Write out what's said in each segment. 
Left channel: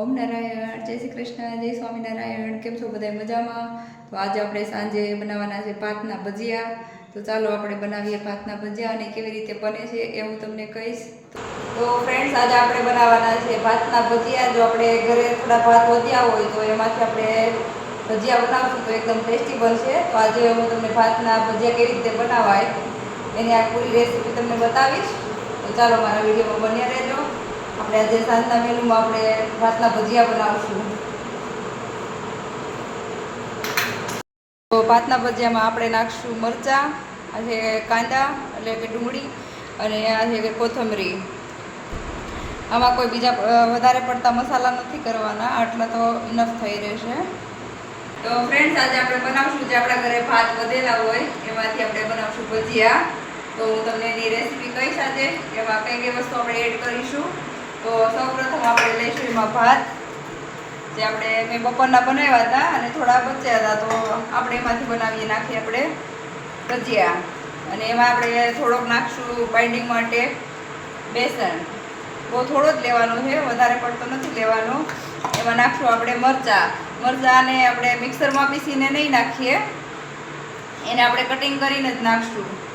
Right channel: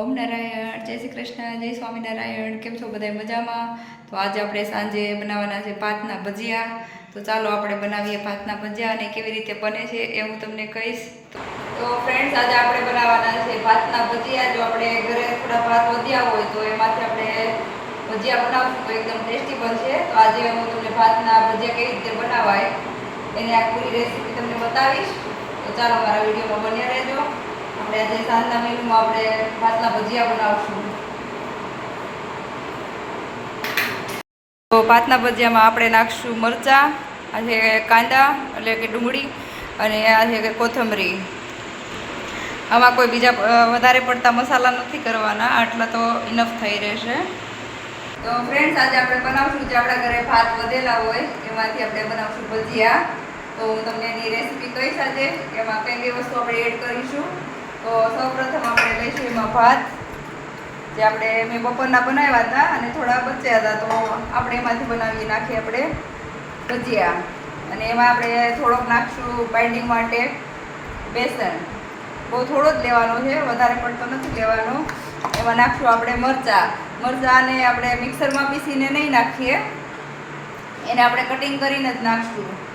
ઓમ નારાયણ, જય શ્રી કૃષ્ણ, જય સ્વામિનારાયણ કેમ છો બધા મજામાં? તો આજે આપણે સાંજે બનાવવાના છે ભાતના ભજીયા. તો ચાલો આપણે બનાવીએ ભાતના ભજીયા અને કેવી રીતે બને છે એ હું તમને કહીશ. તો ફ્રેન્ડ્સ આજે આપણે બનાવવાના છે ભાતના ભજીયા. જો આપણે ઘરે થોડા ભાત વધ્યા હોય તો એમાંથી આપણે ભજીયા બનાવશું તો એકદમ ટેસ્ટી બનશે. તો આજે હું તમને ભાતના ભજીયા કેવી રીતે બનાવાય એની આ પૂરી રેસીપી તમને બતાવીશ. તો ચાલો મારા વિડીયોમાં બન્યા રહેજો. આપણે આજે સાંજના મેનુમાં આપણે ભાતના ભજીયા બનાવશું. તો ભાતના ભજીયામાં આપણે નાખશું મરચાં આ છે કાંદા, એટલે કે ડુંગળી અને આ છે કોથમરી. આમાં કોઈ બીજા વધારે પડતા મસાલા નથી કરવાના, આટલા તો ઇનફ થઈ રહેશે. તો ફ્રેન્ડ્સ આજે આપણે બનાવશું જે આપણા ઘરે ભાત વધેલા હોય, એમાંથી આપણે બનાવશું ભજીયા. તો હું તમને એની રેસીપી કહીશ આજે, એમાં કઈ કઈ વસ્તુ આપણે એડ કરીશું. તો સૌપ્રથમ આપણે લઈશું એમાં ભાત, જે આપણે મેં બપોરના બનાવ્યા હતા અને થોડા બચ્યા હતા, તો આપણે એમાંથી બનાવીએ નાખીએ આપણે ભજીયા. અને એમાં આપણે થોડોક નાખશું બાઇન્ડિંગ માટે બેસન. બહુ થોડો જ લેવાનો છે, વધારે પડતો નથી લેવાનો. એમાં નાખશું આપણે મરચાં. મરચાંને આપણે મિક્સરમાં પીસીને નહીં નાખીએ. એને આપણે કટિંગ કરીને જ નાખશું.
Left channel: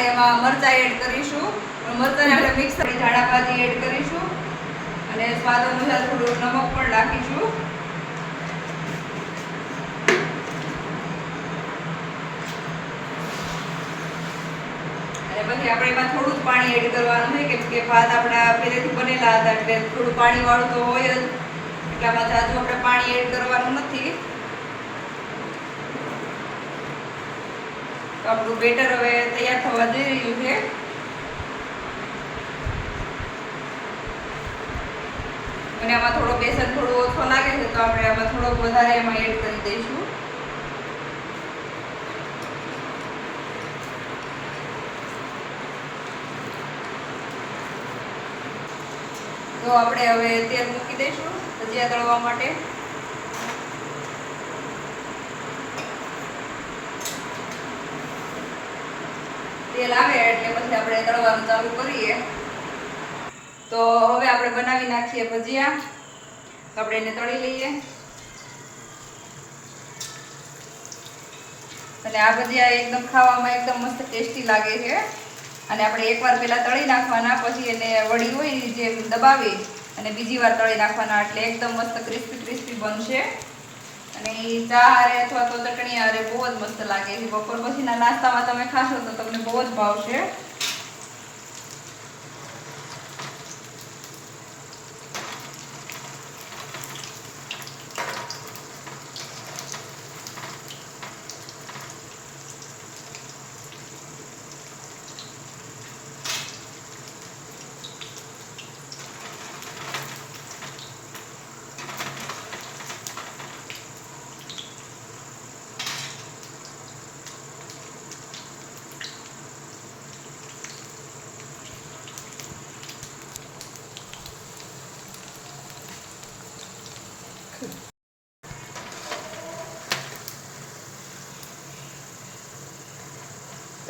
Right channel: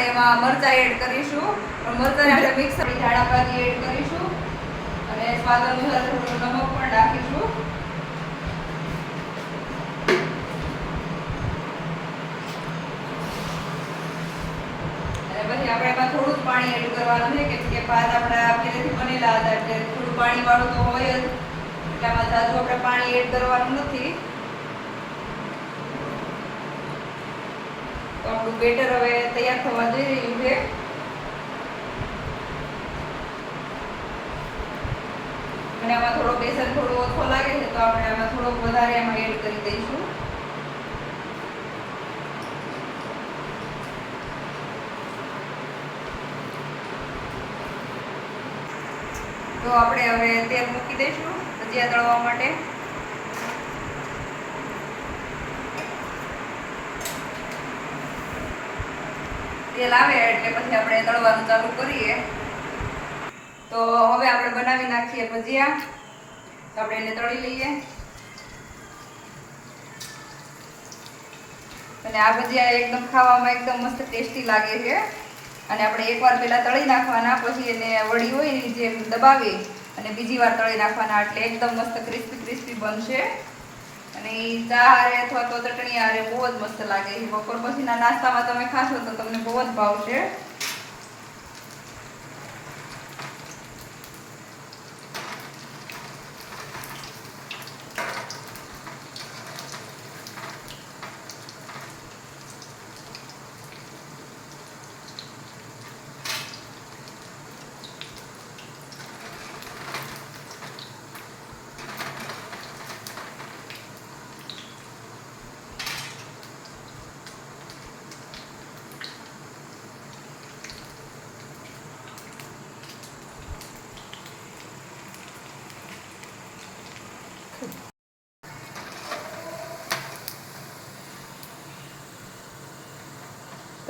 આપણે એમાં મરચાં એડ કરીશું. પણ મરચાંને આપણે મિક્સ કરી ઝાડા ભાજી એડ કરીશું. અને સ્વાદ અનુસાર થોડું નમક પણ નાખીશું. પછી આપણે એમાં થોડું પાણી એડ કરવાનું છે કે ભાત આપણા પહેલેથી બનેલા હતા, એટલે થોડું પાણી વાળું તો હોય જ. એટલામાં જાજુ આપણે પાણી એડ કરવાનું નથી. તો આપણું બેટર હવે તૈયાર થવા જઈ રહ્યું છે. અને આમાં થોડો બેસન થોડો ઓછો લાગે છે, તો આપણે આમાં થોડોક વધારે એમાં એડ કરી દઈશું. તો આપણે હવે તેલ મૂકી દઈશું ભજીયા તળવા માટે. તેલ આવે એટલે પછી આપણે તળવાનું ચાલુ કરીએ. તો હવે આપણે બનાવી નાખીએ ભજીયા. આપણે એને તળી લઈએ. અને આ ભજીયા એકદમ ખાવામાં એકદમ મસ્ત ટેસ્ટી લાગે છે. અને આપણે એકવાર પહેલાં તળી નાખવાના, પછી એને વળી હોય જે દબાવી અને બીજી વાર તળી નાખવાના એટલે એકદમ મસ્ત ક્રિસ્પી ક્રિસ્પી બનશે. અને એ ચા હારે અથવા તો ચટણી હારે બહુ જ મસ્ત લાગે છે. બપોર પછીના નાસ્તામાં તમે ખાશો તો તમને બહુ જ ભાવશે.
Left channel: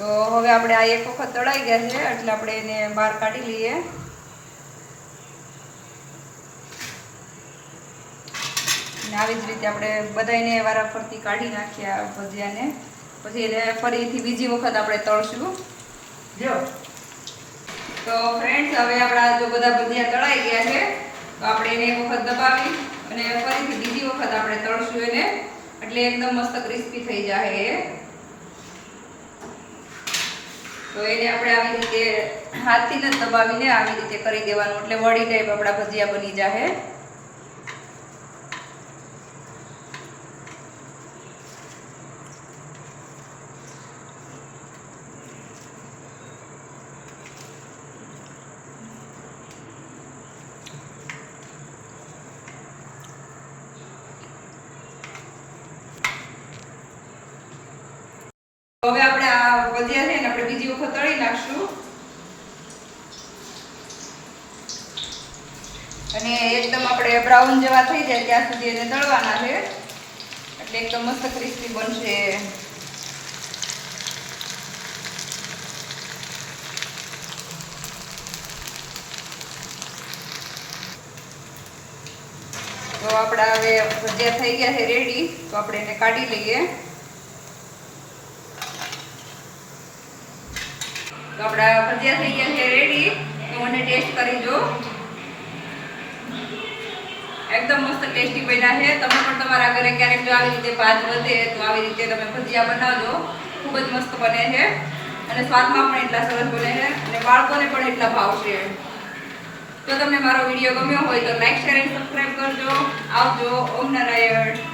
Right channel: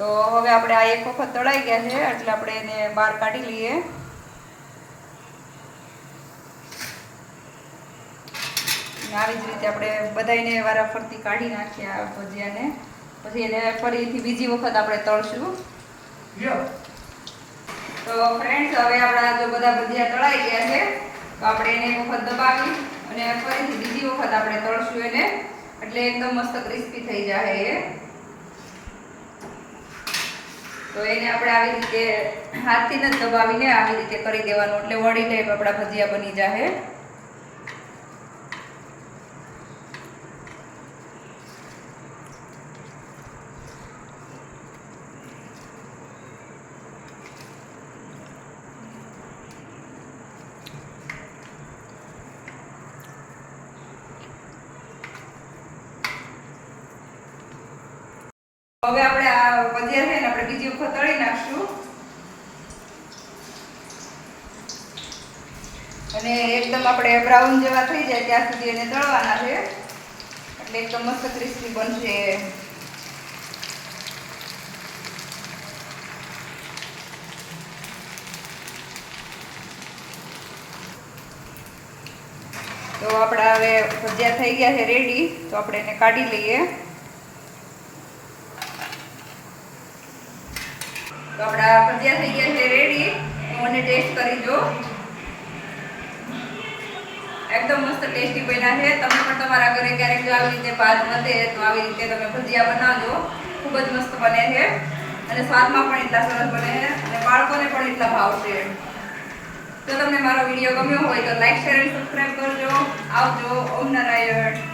તો હવે આપણે આ એક વખત તળાઈ ગયા છે એટલે આપણે એને બહાર કાઢી લઈએ. આવી જ રીતે આપણે બધાને વારાફરતી કાઢી નાખીએ આ ભજીયાને. પછી એને ફરીથી બીજી વખત આપણે તળશું. તો ફ્રેન્ડ્સ હવે આપણા જો બધા ભજીયા તળાઈ ગયા છે તો આપણે એને એક વખત દબાવી અને ફરીથી બીજી વખત આપણે તળશું એને. એટલે એકદમ મસ્ત ક્રિસ્પી થઈ જાય એ. તો એને આપણે આવી રીતે હાથથી જ દબાવીને આવી રીતે કરી દેવાનું, એટલે વળી ટાઈપ આપણા ભજીયા બની જાય હવે આપણે તળી નાખશું. અને એકદમ આપણે બ્રાઉન જેવા થઈ જાય ત્યાં સુધી એને તળવાના છે. એટલે એકદમ મસ્ત ક્રિસ્પી બનશે. તો આપણા હવે ભજીયા થઈ ગયા છે રેડી તો આપણે એને કાઢી લઈએ. તો આપણા ભજીયા થઈ ગયા છે રેડી મને ટેસ્ટ કરી જો. એકદમ મસ્ત ટેસ્ટી બન્યા છે. તમે પણ તમારા ઘરે ક્યારેક જો આવી રીતે ભાત વધે તો આવી રીતે તમે ભજીયા બનાવજો. ખૂબ જ મસ્ત બને છે. અને સ્વાદમાં પણ એટલા સરસ બને છે. અને બાળકોને પણ એટલા ભાવશે. જો તમને મારો વીડિયો ગમ્યો હોય તો લાઈક શેર અને સબસ્ક્રાઈબ કરજો. આવજો. ઓમ નારાયણ.